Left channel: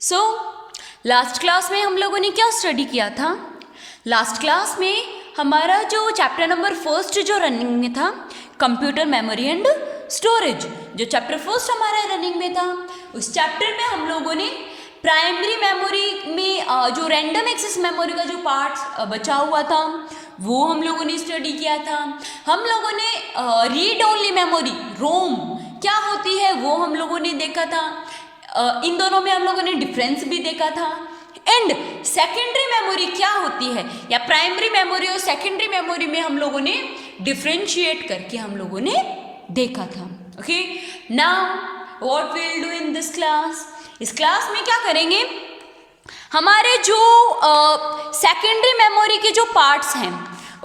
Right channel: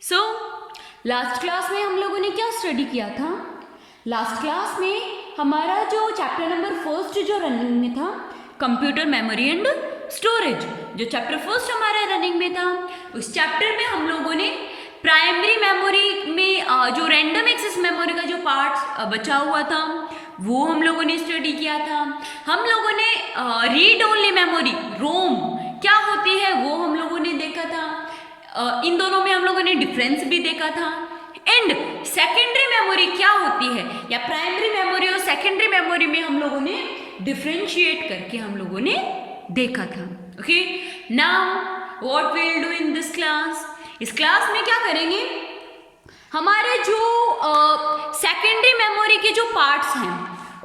So last class में हम लोगों ने क्या स्टडी किया था? लास्ट क्लास में हमारा जो चैप्टर नंबर फर्स्ट जो रनिंग में था, कंप्यूटर मेमोरी एंड स्टोरेज, जो चैप्टर फर्स्ट हमारा रनिंग में था, उस चैप्टर में हम लोगों ने प्राइमरी मेमोरी में जो रैंडम एक्सेस मेमोरी का जो पार्ट बचा हुआ था वो हम लोगों ने स्टडी किया था। हम लोगों ने रीड ओनली मेमोरी रोम क्या होती है वो हम लोगों ने देखा था। इन दोनों में हम लोगों ने डिफरेंस भी देखा था। एंड सेकेंडरी मेमोरी क्या होती है या प्राइमरी मेमोरी और सेकेंडरी मेमोरी में हम लोगों ने डिफ्रेंशिएट करके हम लोगों ने देखा था। Okay, now what will do in this class? इस क्लास में क्या करेंगे, हमारे जो सेकेंडरी मेमोरी के जो पार्ट्स हैं,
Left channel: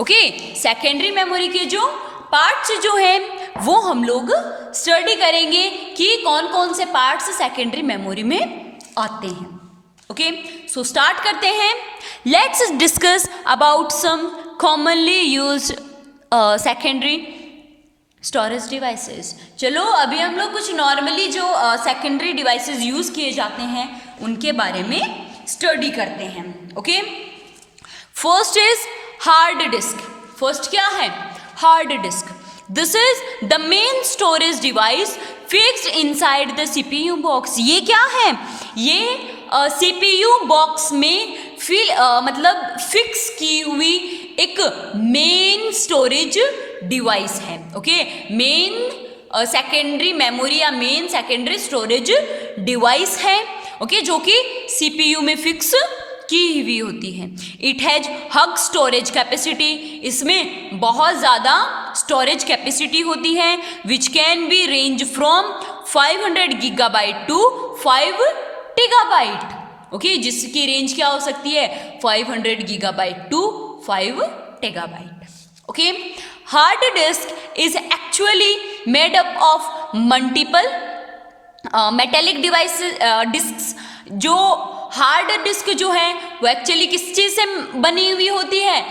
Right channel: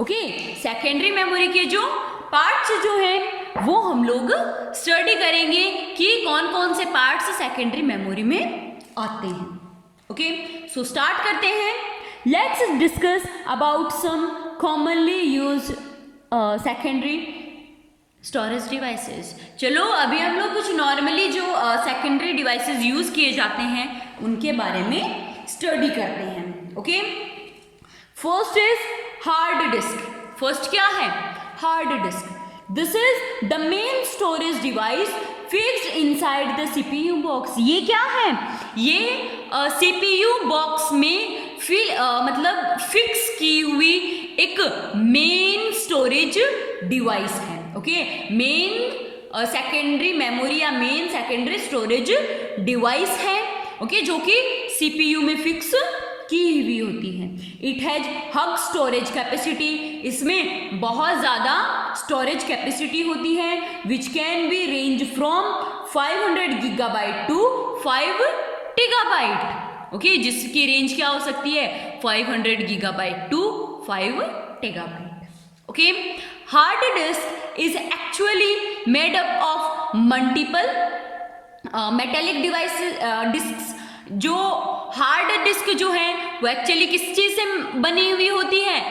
ओके, सेकेंडरी मेमोरी के जो पार्ट्स जो हैं वो हम लोग स्टडी करेंगे कि कौन कौन से पार्ट्स सेकेंडरी मेमोरी में आते हैं। ओके, सो स्टार्ट करते हैं। Let's discuss about some commonly used secondary storage devices. चलो अभी हम लोग कुछ नॉर्मली जो सेकेंडरी डिवाइसेस यूज किए जाते हैं उनके बारे में स्टडी करते हैं। Okay, first is hard disk. First क्या है? Hard disk. This is the main storage device fixed inside the CPU box. ये क्या है? ये सीपीयू बॉक्स में मतलब फिक्स की हुई एक मेन स्टोरेज डिवाइस है। ओके, मेन सेकेंडरी मेमोरी या मेन सेकेंडरी स्टोरेज डिवाइस है। ओके, जो कि सीपीयू में फिक्स की हुई होती है। It has huge storage capacity. इसमें बहुत ज़्यादा स्टोरेज कैपेसिटी होती है which can be range from 500 gigabyte to 5 terabyte. Okay, जिसकी रेंज क्या हो सकती है? 500 gigabyte to 5 terabyte. Okay, hard disk is actually made up of multiple metallic devices disk. जो हार्ड डिस्क जो है वो एक्चुअली किस चीज से बनी हुई होती है?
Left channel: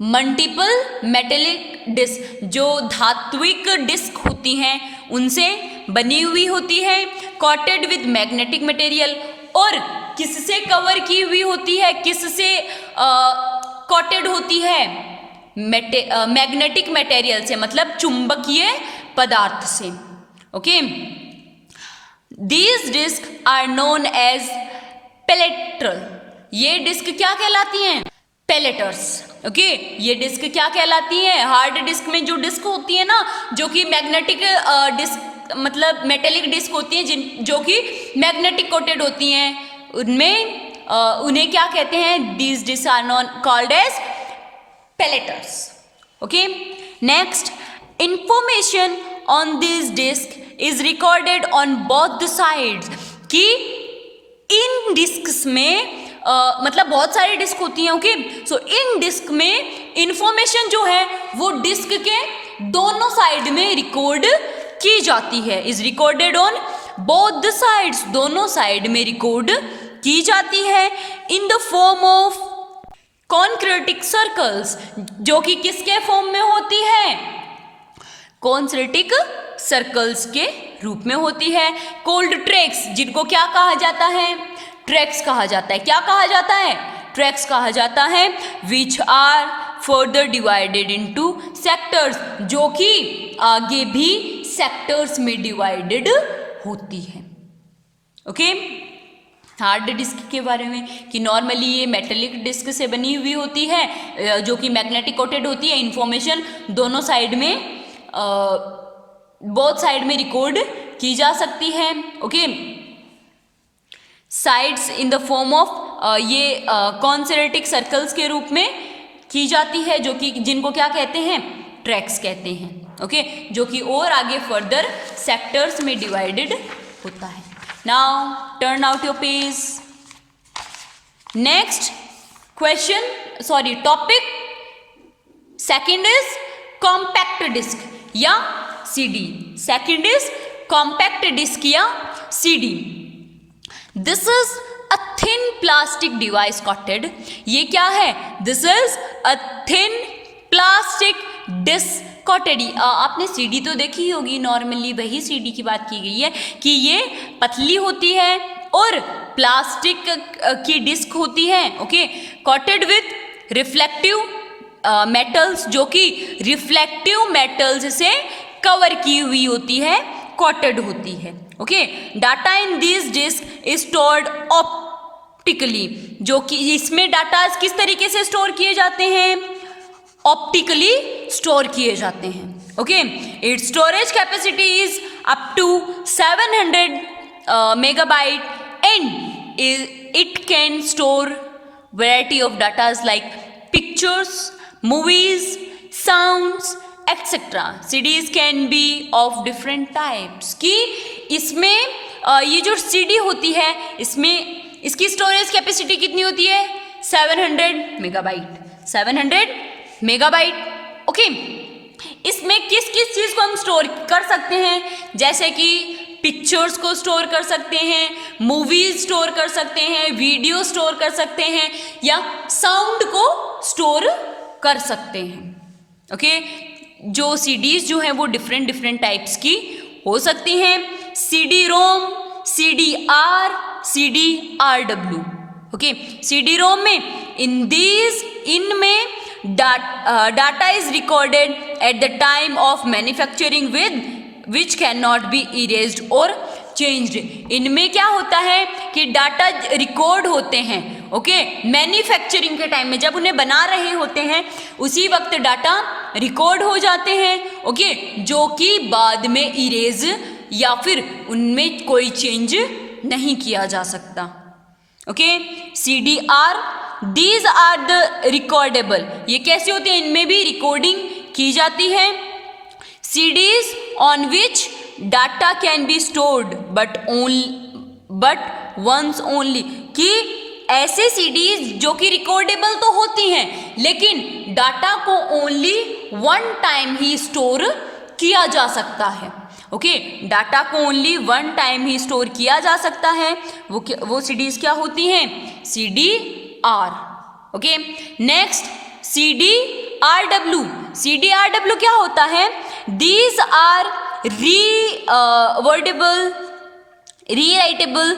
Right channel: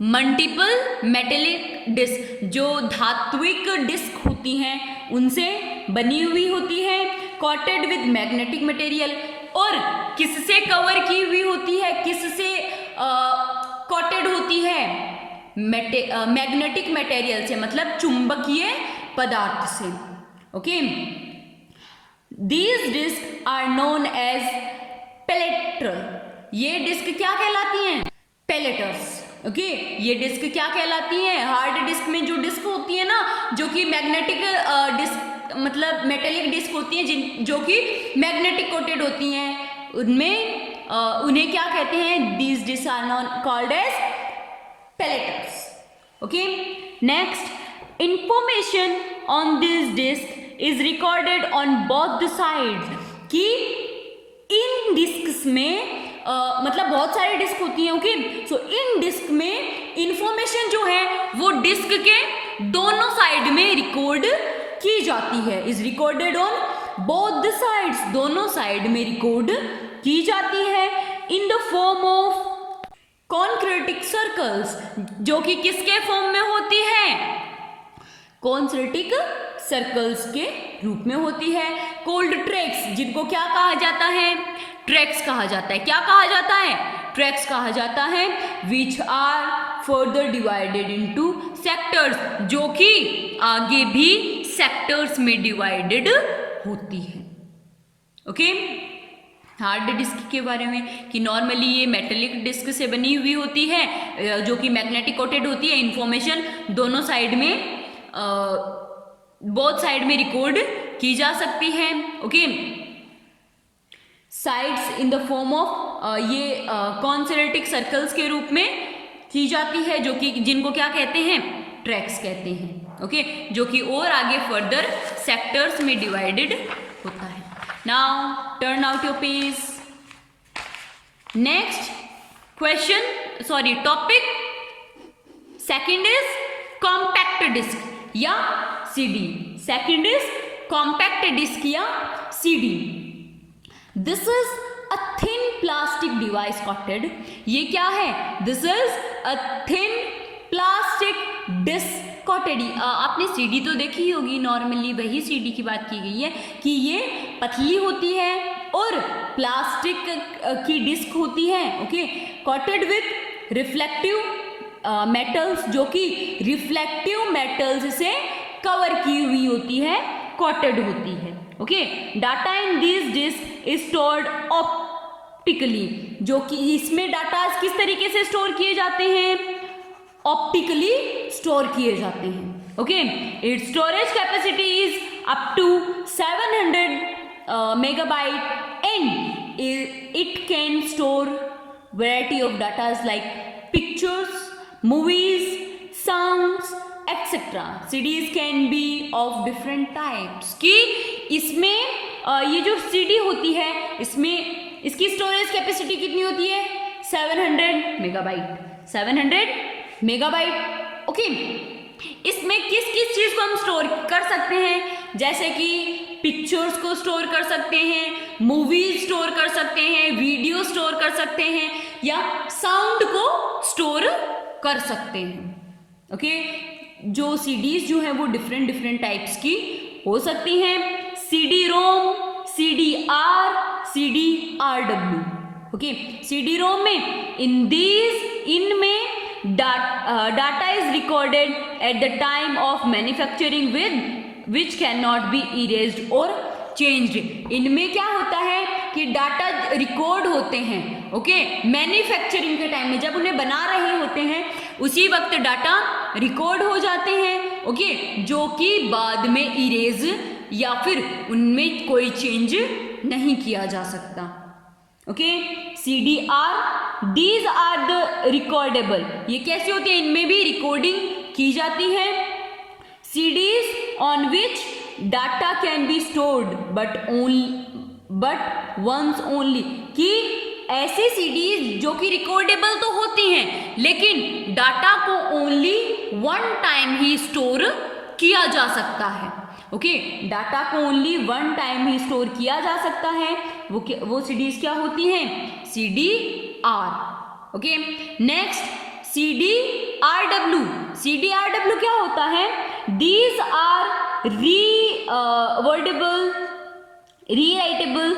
मल्टीपल मेटेलिक डिस्क, जो धात्विक डिस्क होती हैं उनसे बनी हुई होती है। कॉटेड विद मैग्नेटिक मटेरियल। और किससे कवर की हुई होती है? किससे कॉटेड होती है? मैग्नेटिक मटेरियल से, मतलब चुंबकीय पदार्थ से। Okay, these disk are known as platter. ये डिस्क क्या कहलाती हैं? पेलेटर्स। ओके, ये डिस्क क्या कहलाती हैं? हार्ड डिस्क में जो डिस्क होती है ना, जो कि मैग्नेटिक डिस्क मतलब मेटेलिक डिस्क होती हैं जो कि मैग्नेटिक कोटेड होती हैं, उनमें उन्हें क्या कहते हैं? These disk are known called as platters. Okay, next, information on this disk is recorded on both the sides. कि इन डिस्क्स में मतलब बहुत सारी डिस्क होती हैं। ओके, सो इन डिस्क में इंफॉर्मेशन जो है वो डिस्क के दोनों साइड में रिकॉर्ड की जाती है। Is recorded on both the sides, दोनों साइड में रिकॉर्ड की जाती है in the form of concentric circles, जो कि किसके फॉर्म में होती है? कॉन्क्रेटिक सर्कल्स के रूप में होती है। कोल्ड ट्रैक्स, जिनको क्या कहा जाता है? ट्रैक्स कहा जाता है। क्या कहा जाता है? ट्रैक्स कहा जाता है। Which are further divided into sectors, जो कि आगे भी सेक्टर्स में डिवाइडेड होती है। ओके, हार्ड डिस्क के बारे में कि नॉर्मली ये मेटेलिक डिस्क से बनी हुई होती है, जो कि मैग्नेटिक कोटेड होती है। इंफॉर्मेशन दोनों साइड में बोथ साइड में रिकॉर्ड की जा सकती है। Okay, sides in the form of ये कॉन्सेंट्रिक सर्कल्स के रूप में की जाती है, जो कि जिनको क्या कहते हैं? ट्रैक्स कहते हैं। ओके, जो कि और आगे फर्दर सेक्टर्स में डिवाइडेड होता है। Now turn out your page. Next question, sorry topic second is compact disk या CD. Second is compact disk या CD. This is a thin plastic device coated. ये क्या है? This is a thin plastic disk coated. आपने CD तो देखी होगी, normally वही सीडी की बात की गई है कि ये पतली होती है और प्लास्टिक की डिस्क होती है, okay, coated with reflective metals, जो कि रिफ्लेक्टिव मेटल्स से कवर की हुई होती है, कोटेड होती है, okay. Data in this disk is stored optically, जो कि इसमें डाटा किस तरीके से स्टोर किए जाते हैं, ऑप्टिकली स्टोर किए जाते हैं, okay. It's storage capacity is up to 700 megabyte and it can store variety of datas like pictures, movies, sounds etcetera. CDs can be of different types, कि इसमें ये जो सीडी होती है इसमें इसकी स्टोरेज कैपेसिटी कितनी होती है, 700 मेगाबाइट, 700 मेगाबाइट, ओके। इसमें किस किस चीज़ को हम स्टोर कर सकते हैं, जैसे कि पिक्चर्स को स्टोर कर सकते हैं, मूवीज स्टोर कर सकते हैं, वीडियो स्टोर कर सकते हैं, या साउंड को स्टोर कर सकते हैं, ओके। जो सीडीज जो हैं वो डिफरेंट टाइप्स की हो सकती हैं, CD ROM, CD R, CD RW, okay. CD ROM में इनमें data is recorded at the time of manufacturing which can not be erased और चेंज्ड। इनमें क्या होता है कि डाटा रिकॉर्ड होते हैं, ओके, मैन्युफैक्चरिंग के टाइम में, जब उन्हें बना रहे होते हैं उसी वक्त डाटा रिकॉर्ड हो जाते हैं, ओके, जो कि बाद में इरेज या फिर उनमें कोई चेंज नहीं किया जा सकता, okay. CDR, these are the recordable, ये कैसी होती है, इनमें भी रिकॉर्डिंग की जाती है। CDs on which data can be stored but once only, कि ऐसे CDs जो कि रिकॉर्डेबल तो होती हैं लेकिन डाटा को ओनली वन टाइम ही स्टोर किया जा सकता है, ओके। डाटा को ओनली वन टाइम ही स्टोर किया जा सकता है, वो CDs क्या होती हैं, CDR, okay. Next CDRW, CDRW क्या होता है, these are rewritable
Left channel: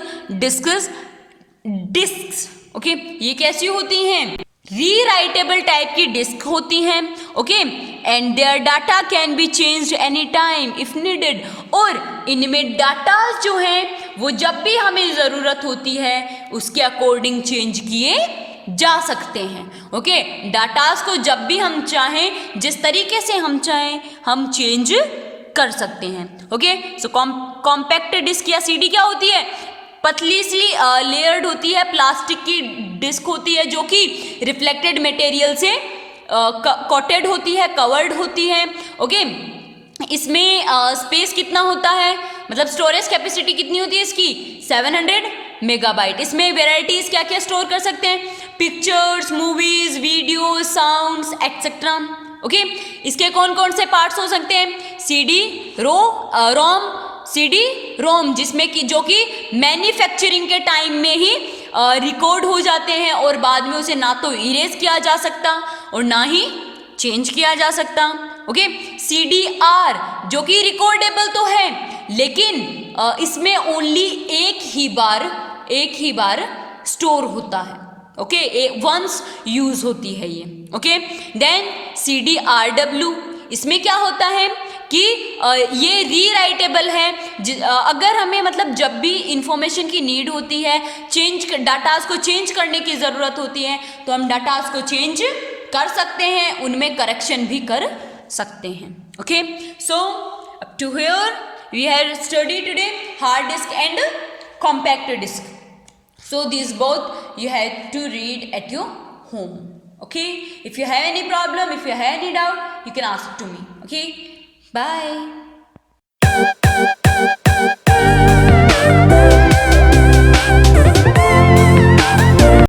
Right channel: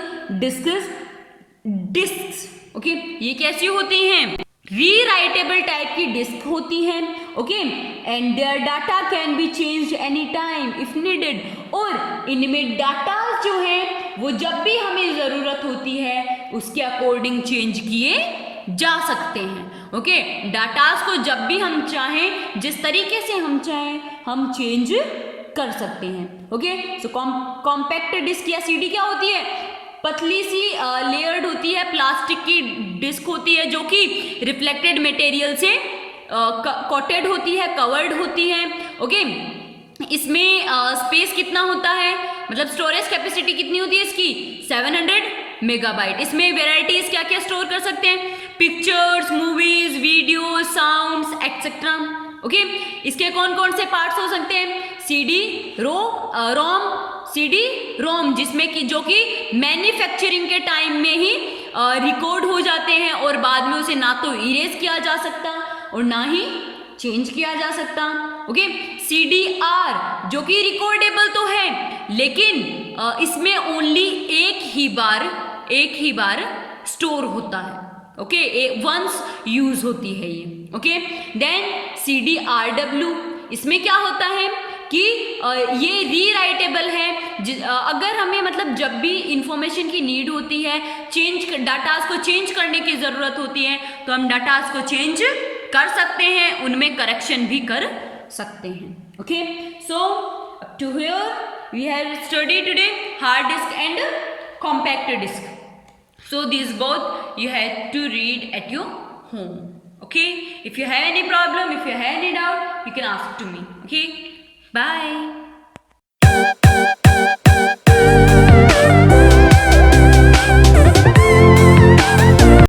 disks, okay. ये कैसी होती हैं, रीराइटेबल टाइप की डिस्क होती हैं, okay. And their data can be changed any time if needed, और इनमें डाटा जो हैं वो जब भी हमें ज़रूरत होती है उसके अकॉर्डिंग चेंज किए जा सकते हैं, ओके। डाटास को जब भी हम चाहें, जिस तरीके से हम चाहें, हम चेंज कर सकते हैं, ओके। सो कॉम्पैक्ट डिस्क या सीडी क्या होती है, पतली सी लेयर्ड होती है, प्लास्टिक की डिस्क होती है जो कि रिफ्लेक्टेड मटेरियल से कोटेड होती है, कवर्ड होती है, ओके। इसमें स्पेस कितना होता है, मतलब स्टोरेज कैपेसिटी कितनी होती है इसकी, 700 मेगाबाइट। इसमें वेराइटीज़ क्या क्या स्टोर कर सकते हैं, pictures, movies, video, sounds etcetera, okay. इसके कौन कौन से पार्ट्स हो सकते हैं, सीडी रोम, जिसमें कि जो कि मैन्युफैक्चरिंग के टाइम में ही रिकॉर्ड हो जाते हैं और बाद में उसे ना तो इरेज किया जा सकता और ना ही चेंज किया जा सकता, ओके। CDR जो कि रिकॉर्डेबल तो है लेकिन इसमें ओनली एक ही बार स्टोर होता है, ओके, वंस यूज होती है ये, ओके। देन CDRW, इसमें क्या होता है कि ये रीराइटेबल है, अगर हमें मतलब जब भी इंफॉर्मेशन की नीड होती है, डाटास को चेंज करने की ज़रूरत होती है तो हम डाटास को चेंज कर सकते हैं, उनमें करेक्शन भी कर सकते हैं, okay. So up to here we have study today hard disk and compact disk. So these both you have to read at your home. Okay, if you have any problem, if you have any doubt, you can ask to me. Okay, bye.